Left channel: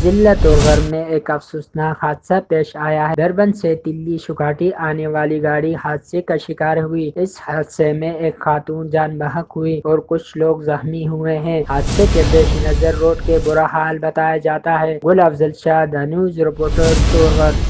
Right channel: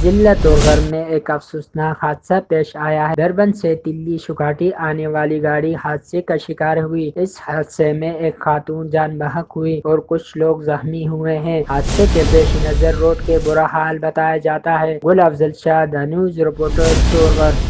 जिला तोरगढ़ में एक अफसोसनाक हादसा पेश आया है। दरबन से दिल्ली शुघाटी आने वाली गाड़ी हादसे का शिकार हुई। इस हादसे में एक खातून जान बहक हुई और कुछ लोग जख्मी हुए हैं। हादसे के पेश नजर रोड के बुरा हाल बताया जाता है। गुल Afzal Shah, the news reporter, तोरगढ़।